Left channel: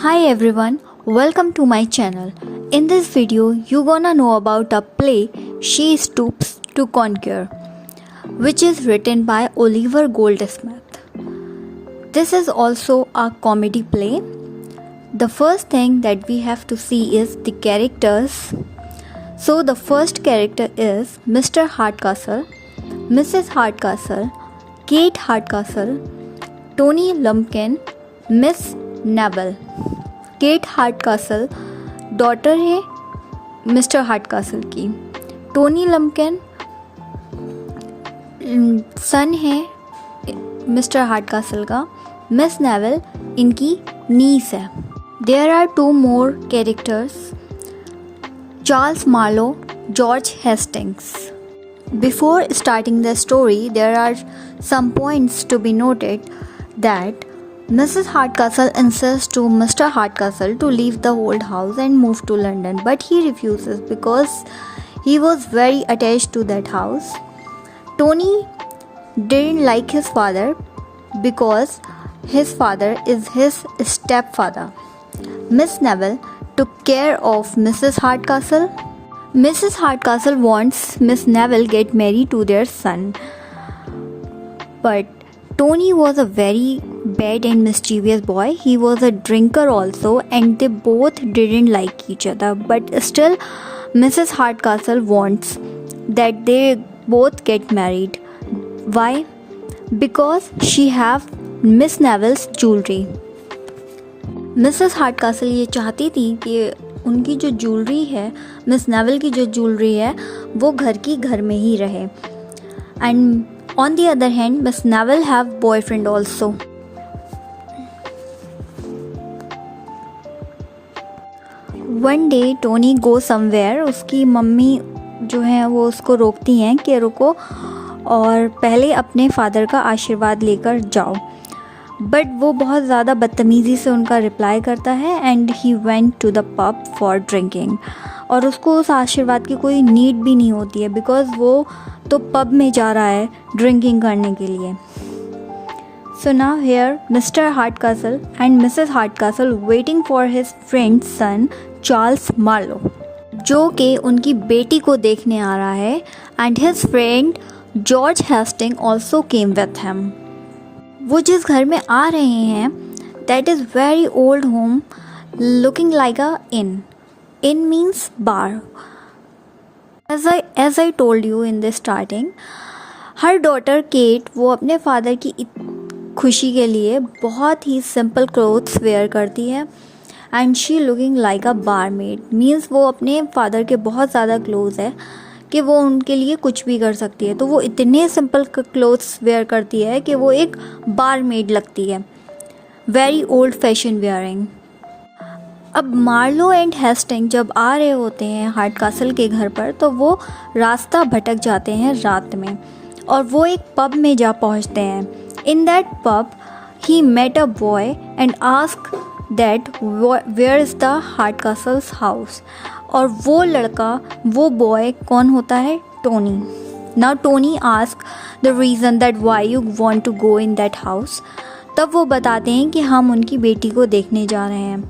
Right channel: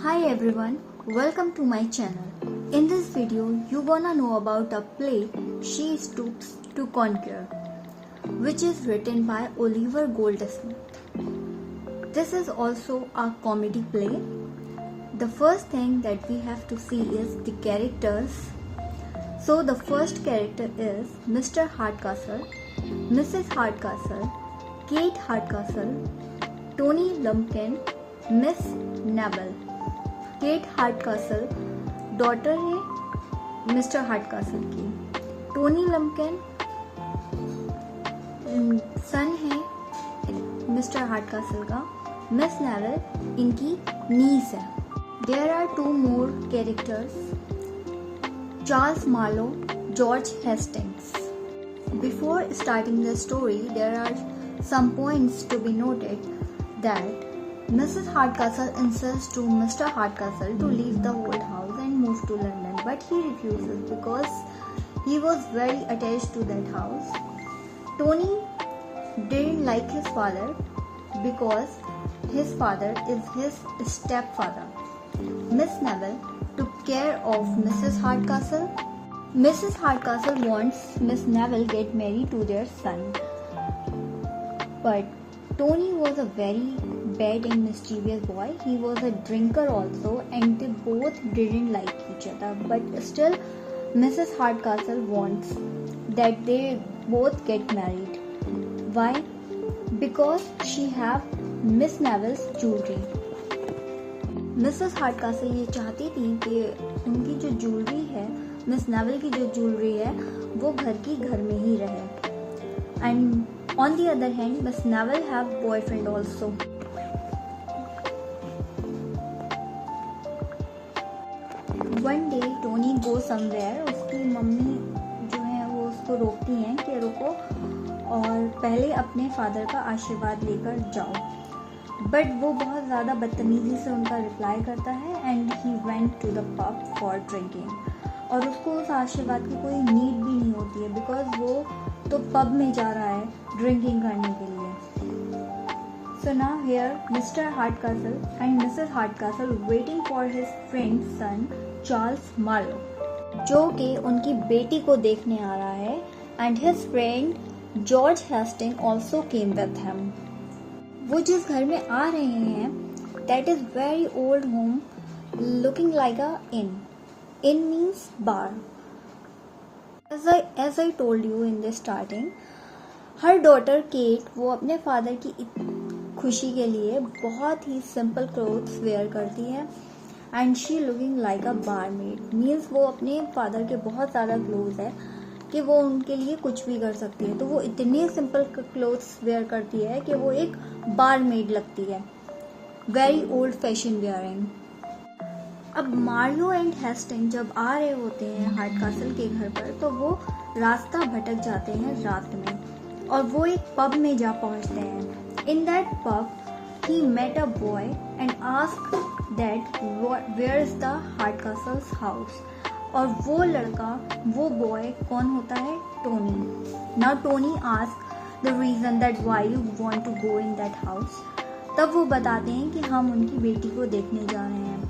Hi everyone, welcome to my channel. In this video, you gonna know about a play She Stoops to Conquer, which is written by Oliver Goldsmith. This is also a comedy play. The first thing that we have to see is the characters. So the first character is Mr. Hardcastle, Mrs. Hardcastle, Kate Hardcastle, Tony Lumpkin, Miss Neville. Kate Hardcastle daughter है Mr Hardcastle की. Tony लम्पकिन सन है Mr हार्डकासल का. Miss naval इनकी niece है. There are two more characters, Charles Marlow, George Hastings. Before starting the story, there are some points to be noted that Mrs. Hardcastle insists to Mr. Hardcastle to leave the old house and move to London, but he refuses because he was very attached to that house. Tony didn't like his father because his father is his stepfather. Miss Neville took care of Mrs. Hardcastle. Mrs. Hardcastle wants Miss Neville get married to their son, but Tony was a very bad and mischievous boy. He was a drinker also, and they both didn't like each other. But still, Mrs. Hardcastle wants that they both get married. Why? Because she have Miss Neville's jewelry. Mrs. Hardcastle ये चाहती थी कि उनकी जो jewellery है, miss naval की जो jewellery है, वो घर की घर में ही रहे. And on the other hand, Miss Neville have boyfriend also. One day Tony go somewhere. उसकी मम्मी जो है वो उसको रोकती हैं कि रुको और पहले अपने फादर का आशीर्वाद लेकर जाओ. बट वो बहुत ज़्यादा बदतमीज़ी से उनका रिप्लाई करता है and he went to the pub for drinking. और उसको उस आशीर्वाद की कोई नीड भी नहीं होती है बिकॉज़ वो तो पब में जा रहा है ड्रिंकिंग करने के लिए. So now here Mr Hardcastle and Mrs Hardcastle waiting for his friend son Charles Marlow, जो कि उनकी बेटी को देखने आ रहा है. And his friend George Hasting also came with him. वो जिस घर में आ रहे हैं that is very old home looking like a inn. Inn means bar. As I told you in the starting, her daughter Kate वो अपने father की खुशी के लिए बहुत ही सिंपल क्लोथ्स वेयर करती है. And she looking like a barmaid. Means वो अपने फादर के बहुत ज़्यादा क्लोज है कि वो उनके लिए कुछ भी कर सकती है. तो वो इतने सिंपल क्लोथ्स वेयर करती है कि वो एक बारमेड लगती है. Very old fashion wearing. अब मार्लो एंड हेस्टिंग जब आ रहे होते हैं हार्डकासल के घर पर तो वो रास्ता भटक जाते हैं रात में और वो एक पब में जा पहुंचते हैं. In that pub he met a boy and ask that where is the Hardcastles house. और वो लड़का, वो बॉय कौन होता है? Tony. Now Tony ask the reason that why you want to go in that house. तब वो बताते हैं कि हम उनकी बेटी को देखने जा रहे हैं.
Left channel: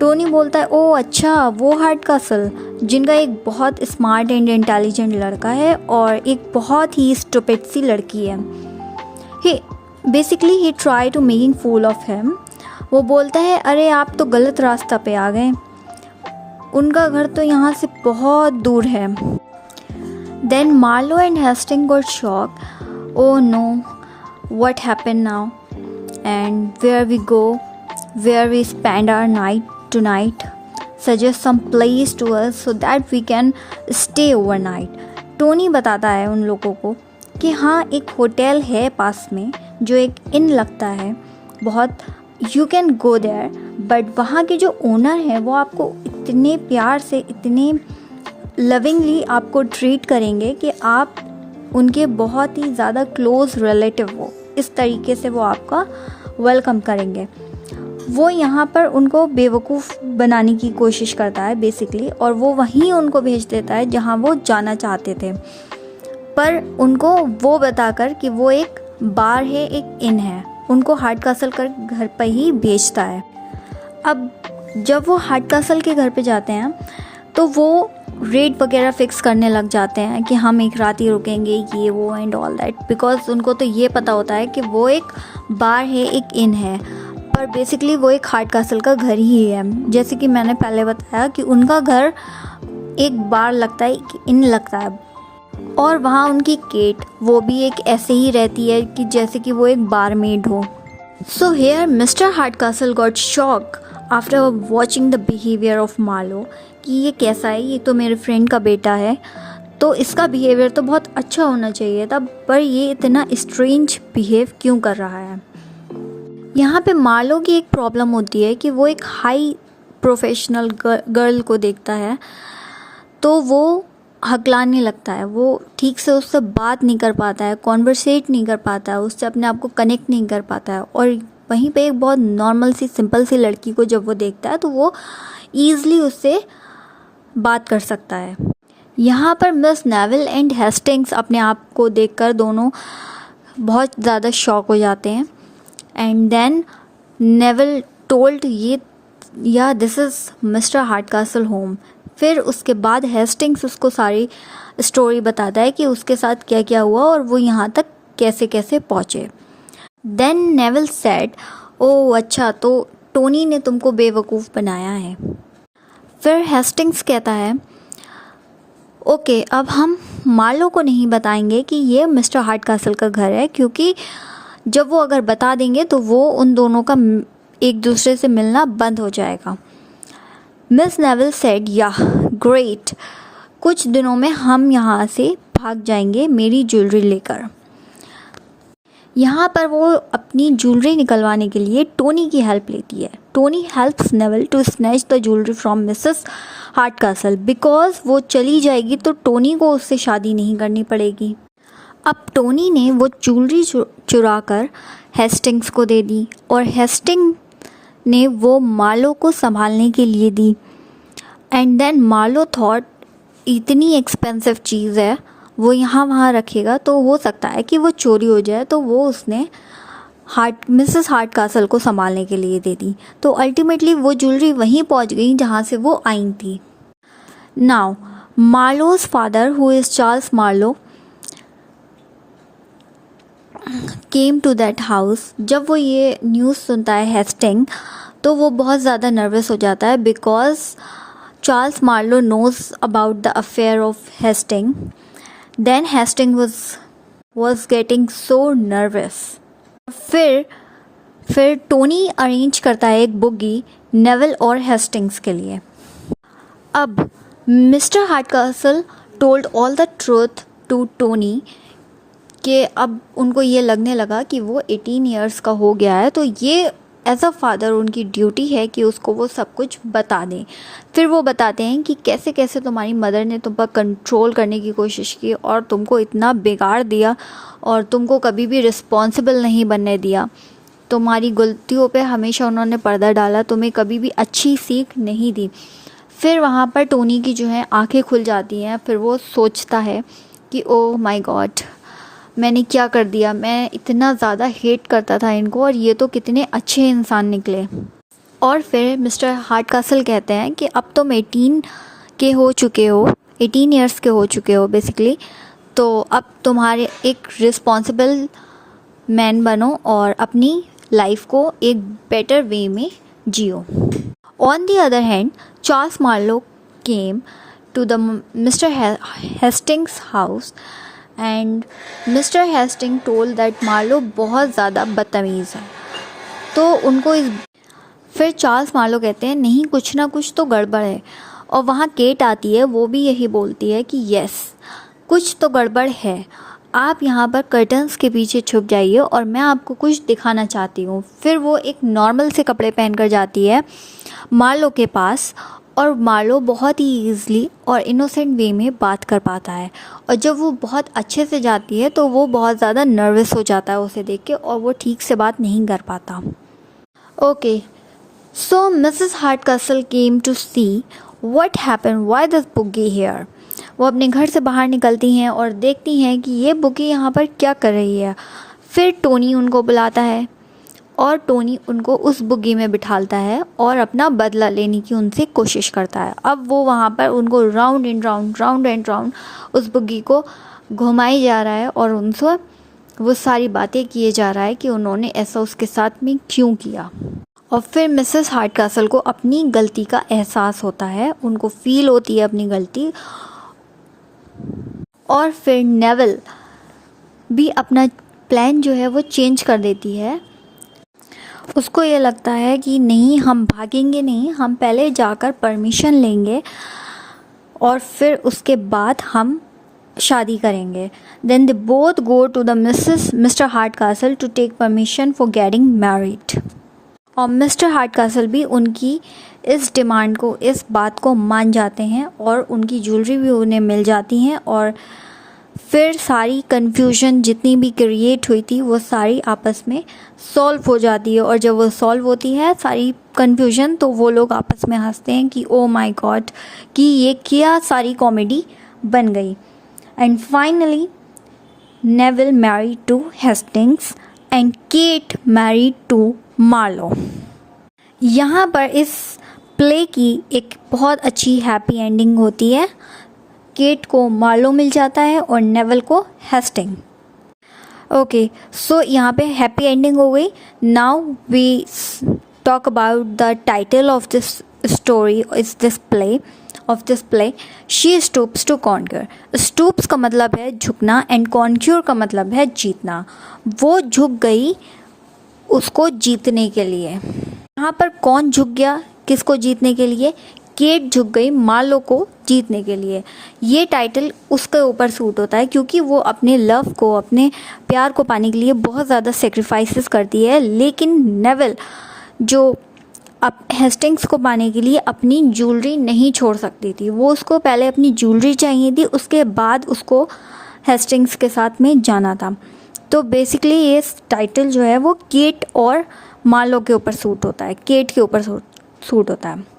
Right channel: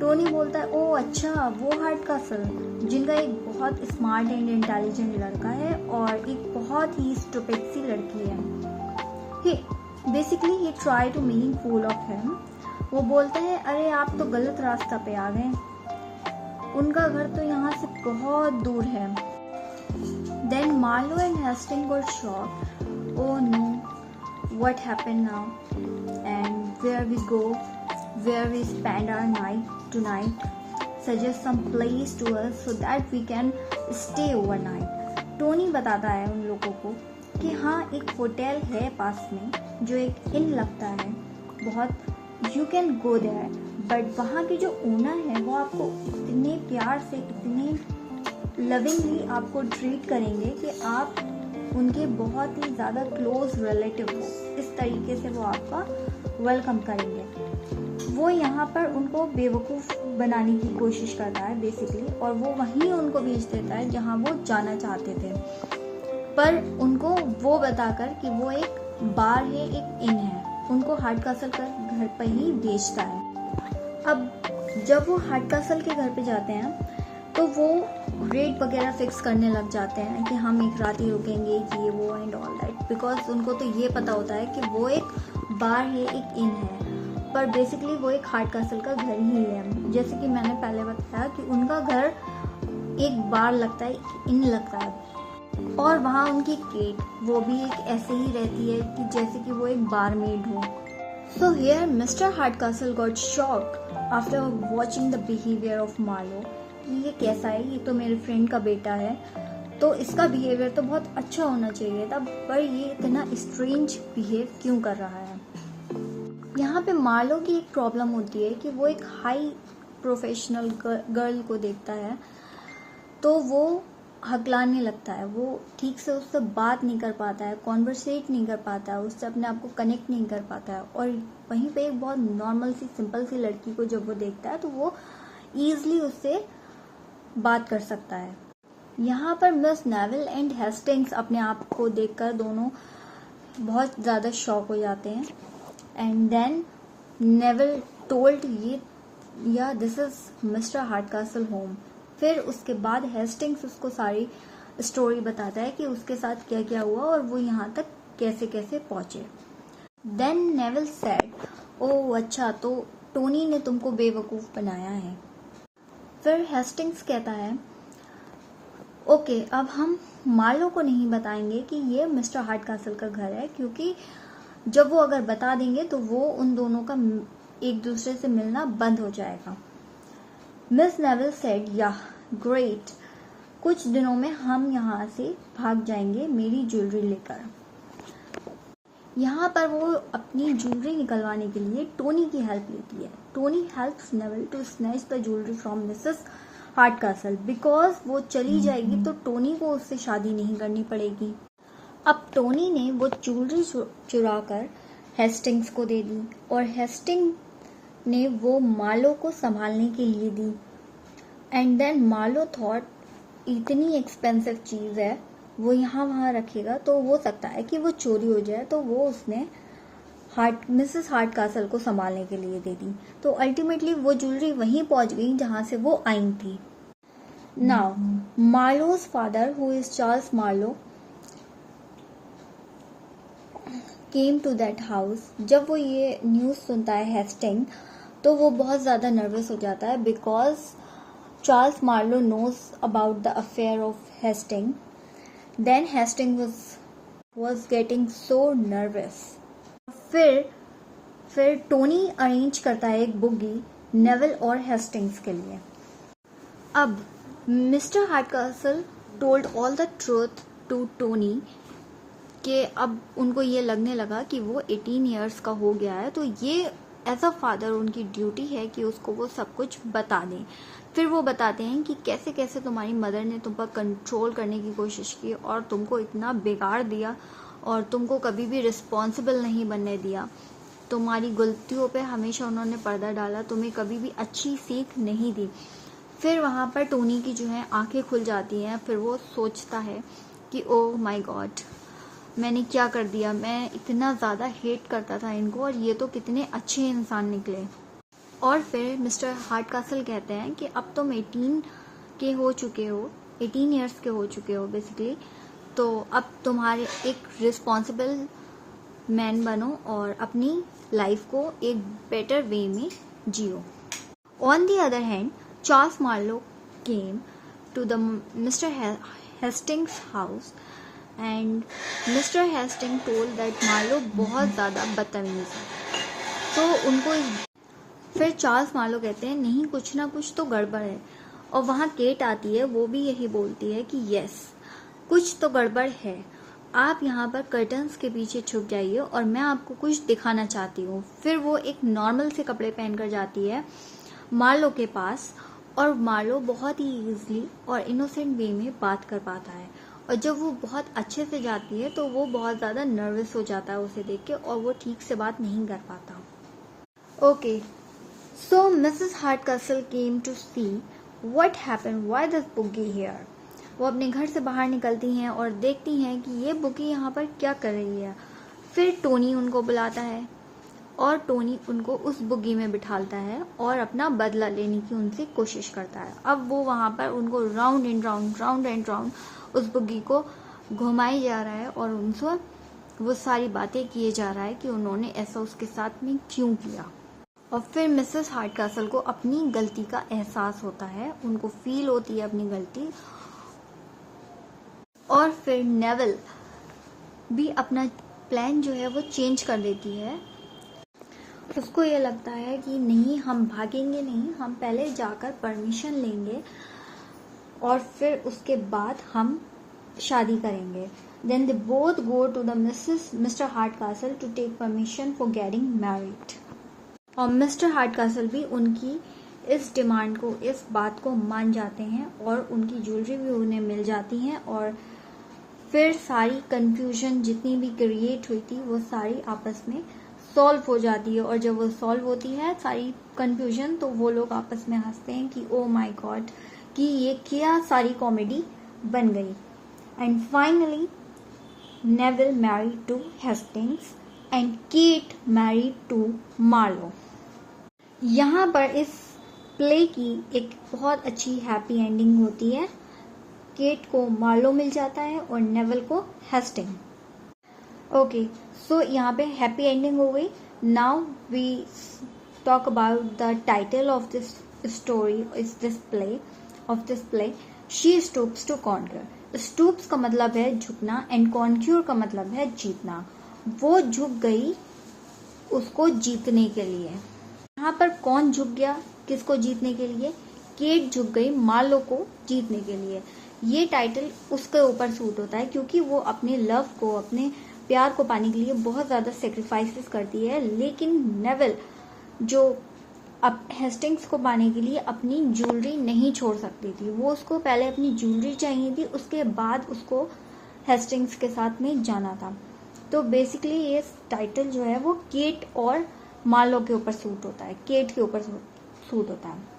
टोनी बोलता है ओ अच्छा, वो हार्डकासल जिनका एक बहुत स्मार्ट एंड इंटेलिजेंट लड़का है और एक बहुत ही स्टूपिड सी लड़की है. He try to making fool of him. वो बोलता है अरे आप तो गलत रास्ता पे आ गए, उनका घर तो यहाँ से बहुत दूर है. Then Marlow and Hasting got shock. Oh no, what happened now and where we go, where we spend our night tonight. Suggest some place to us so that we can stay overnight. Tony बताता है उन लोगों को कि हाँ एक hotel है पास में जो एक इन लगता है बहुत. You can go there. But वहाँ के जो ओनर हैं वो आपको इतने प्यार से, इतने लविंगली आपको ट्रीट करेंगे कि आप उनके बहुत ही ज़्यादा क्लोज रिलेटिव हो. इस तरीके से वो आपका वेलकम करेंगे. वो यहाँ पर उनको बेवकूफ़ बनाने की कोशिश करता है बेसिकली, और वो वहीं उनको भेज देता है जहाँ वो जाना चाहते थे, पर उनको वो बताकर कि वो एक बार है, एक इन है, उनको हार्डकासल कर घर पर ही भेजता है. अब जब वो हार्ड कासल के घर पे जाते हैं तो वो रेट वगैरह फिक्स करने लग जाते हैं कि हम एक रात ही रुकेंगे, ये वो एंड ऑल दैट, बिकॉज उनको तो ये पता होता है कि वो एक बार है, एक इन है, पर बेसिकली वो एक हार्ड कासल का घर ही है। जैसे कि मैंने पहले बताया कि उनका घर एक बार लगता है, एक इन लगता है, और वहाँ उनकी केट वो भी एक ऐसे ही रहती है कि जैसे कि वो एक बारमेड हो। So here Mr Hardcastle got shock after watching the behaviour of Marlow कि ये कैसा है, ये तो मेरे फ्रेंड का बेटा है, तो इसका बिहेवियर तो बहुत अच्छा होना चाहिए था, पर ये इतना स्ट्रेंज बिहेव क्यों कर रहा है। यहाँ पे मार्लो की एक प्रॉब्लम होती है कि वो एक हाई प्रोफेशनल गर्ल को देखता है तो वो हकलाने लगता है, वो ठीक से उससे बात नहीं कर पाता है, कॉन्वर्सेट नहीं कर पाता है, उससे अपने आप को कनेक्ट नहीं कर पाता है। और वहीं पे एक बहुत नॉर्मल सी सिंपल सी लड़की को जब वो देखता है तो वो ईज़िली उससे बात कर सकता है। यहाँ पर मिस नेविल एंड हेस्टिंग्स अपने आप को देखकर दोनों बहुत ज़्यादा शॉक हो जाते हैं। एंड देन नेविल टोल्ड या दिस इज़ मिस्टर हार्डकासल होम। फिर उसके बाद हेस्टिंग्स उसको सारी स्टोरी बताता है कि उसके साथ क्या क्या हुआ और वो यहाँ तक कैसे कैसे पहुँचे। देन नेविल सेड, ओह अच्छा, तो टोनी ने तुमको बेवकूफ़ बनाया है। फिर हेस्टिंग्स कहता है, ओके अब हम मार्लो को नहीं बताएंगे कि ये मिस्टर हार्डकासल का घर है, क्योंकि जब वो अगर बता देंगे तो वो उन दोनों का एक दूसरे से मिलना बंद हो जाएगा। मिस नेविल सेड, या ग्रेट, कुछ दिनों में हम यहाँ से भाग जाएंगे मेरी ज्वेलरी लेकर। यहाँ पर वो अपनी ज्वेलरी निकलवाने के लिए टोनी की हेल्प लेती है। Tony helps Neville to snatch the jewellery from Mrs Hardcastle, because वो चली जाएगी तो टोनी को उससे शादी नहीं करनी पड़ेगी। अब टोनी ने वो ज्वेलरी चुरा कर हेस्टिंग्स को दे दी और हेस्टिंग ने वो मार्लो को संभालने के लिए दी। एंड देन मार्लो थॉट इतनी एक्सपेंसिव चीज़ है, वो यहाँ वहाँ रखेगा तो हो सकता है कि वो चोरी हो जाए, तो वो उसने मिसेस हार्डकासल को संभालने के लिए दे दी। तो अल्टीमेटली वो ज्वेलरी वहीं पहुँच गई जहाँ से वो आई थी। Now Marlow's father, who is Charles Marlow, came to that house. जब वो ये न्यूज़ सुनता है हेस्टिंग, तो वो बहुत ज़्यादा नर्वस हो जाता है, because Charles Marlow knows about the affair of Hasting. Then Hasting was getting so nervous. फिर टोनी अरेंज करता है एक बुगी नेविल और हेस्टिंग्स के लिए। अब Mr Hardcastle told all the truth to Tony कि अब उनको ये लगने लगा कि वो 18 इयर्स का हो गया है, तो ये एज अ फादर उनकी ड्यूटी है कि उसको वो सब कुछ बता दें। फिर वो बताते हैं कि कैसे कैसे तुम्हारी मदर ने तुम पर कंट्रोल करने की कोशिश की और तुमको इतना बिगाड़ दिया और तुमको कभी भी रिस्पॉन्सिबल नहीं बनने दिया। तुम्हारी गलतियों पे हमेशा उन्होंने पर्दा डाला, तुम्हें कभी भी अच्छी सीख नहीं दी। फिर वहाँ पर टोनी की जो है आंखें खुल जाती हैं। फिर वो सोचता है कि ओह माय गॉड, मैंने क्या कर दिया, मैं इतना ज़्यादा हेट करता था इनको और ये तो कितने अच्छे इंसान निकले। और फिर मिस्टर हार्डकासल कहते हैं कि अब तुम 18 के हो चुके हो, 18 इयर्स के हो चुके हो बेसिकली, तो अब तुम्हारे एक रिस्पॉन्सिबल मैन बनो और अपनी लाइफ को एक बेटर वे में जियो। On the other hand, Charles Marlow came to the Mr Hastings house and Mr Hasting told that Marlow बहुत ज़्यादा बदतमीज़ है। तो उनको फिर चार्ल्स मार्लो कहते हैं नहीं, कुछ ना कुछ तो गड़बड़ है। और वहाँ केट आती है, वो भी यही बोलती है कि यस, कुछ तो गड़बड़ है, आप यहाँ पर कर्टन्स के पीछे छुप जाइए और मैं आपको कुछ दिखाना चाहती हूँ। फिर वो एक नॉर्मल से कपड़े पहनकर जाती है मार्लो के पास और मार्लो बहुत ही ईज़िली और इनोसेंट वे में बात कर पाता है। और जब वो बहुत अच्छे से जाती है तो वो बहुत ज़्यादा नर्वस हो जाता है उसे देख के और वो ठीक से बात नहीं कर पाता। Okay, so Mrs Hardcastle came to see what happen, why this boogie here. वो अपने घर से बाहर निकलती हैं और देखती हैं कि ये बुगी यहाँ पर क्या कर रही है। फिर टोनी उनको बुलाता है और टोनी उनको उस बुग्गी में बिठालता है और अपना बदला लेने की उनसे कोशिश करता है। अब वो वहाँ पर उनको राउंड एंड राउंड उस बुग्गी को घुमाई जा रहा है और उनसे वो सारी बातें किए जा रहा है कि उन्होंने ऐसा उसके साथ में क्यों किया। और फिर मिसेस हार्डकासल को अपनी गलती का एहसास होता है, उनको फील होती है अपनी गलती। और फिर नेविल भी अपना प्लान जो है वो चेंज कर देती है। उसको ये लगता है कि नहीं, हम भागेंगे नहीं, हम पहले जाकर परमिशन लेंगे और फिर उसके बाद हम शादी करेंगे। Then they both go to the Mr Hardcastle to take permission for getting married. और मिस्टर हार्डकासल भी उनकी इस डिमांड को, इस बात को मान जाते हैं और उनकी ज्वेलरी भी उन्हें मिल जाती हैं। और फिर सारी कन्फ्यूजन जितनी भी क्रिएट हुई थी वो सारी आपस में सॉल्व हो जाती है। और जब वो सॉल्व होती है सारी कन्फ्यूजन, तो वो लोग आपस में हंसते हैं कि ओ माय गॉड, कि ये क्या सारी कॉमेडी बन गई। And finally Neville married to Hastings and Kate married to Marlow. यहाँ पर इस प्ले की एक बहुत अच्छी हैप्पी एंडिंग होती है। केट को मार्लो मिल जाता है और नेविल को हेस्टिंग। ओके, सो यहाँ पे हैप्पी एंडिंग हो गई। Now we talk about the title of this story, is this play of this play, she stoops to conquer. Stoops का मतलब है झुकना एंड कॉन्क्यूर का मतलब है जीतना। वो झुक गई उसको जीतने के लिए। यहाँ पर कौन झुक गया किसको जीतने के लिए? केट झुक गई मार्लो को जीतने के लिए। ये टाइटल उसके ऊपर सूट होता है क्योंकि वो अपने लव को, अपने प्यार को पाने के लिए बहुत ज़्यादा सेक्रीफाइसेस करती है। लेकिन नेविल जो अब हेस्टिंग्स को पाने के लिए अपनी ज्वेलरी नहीं छोड़ सकती थी, वो उसको पहले अपनी ज्वेलरी चाहिए थी, उसके बाद उसको हेस्टिंग्स के साथ में जाना था। तो बेसिकली ये टाइटल जो है वो केट और मार्लो के ऊपर सूट होता है, केट के ऊपर सूट होता है।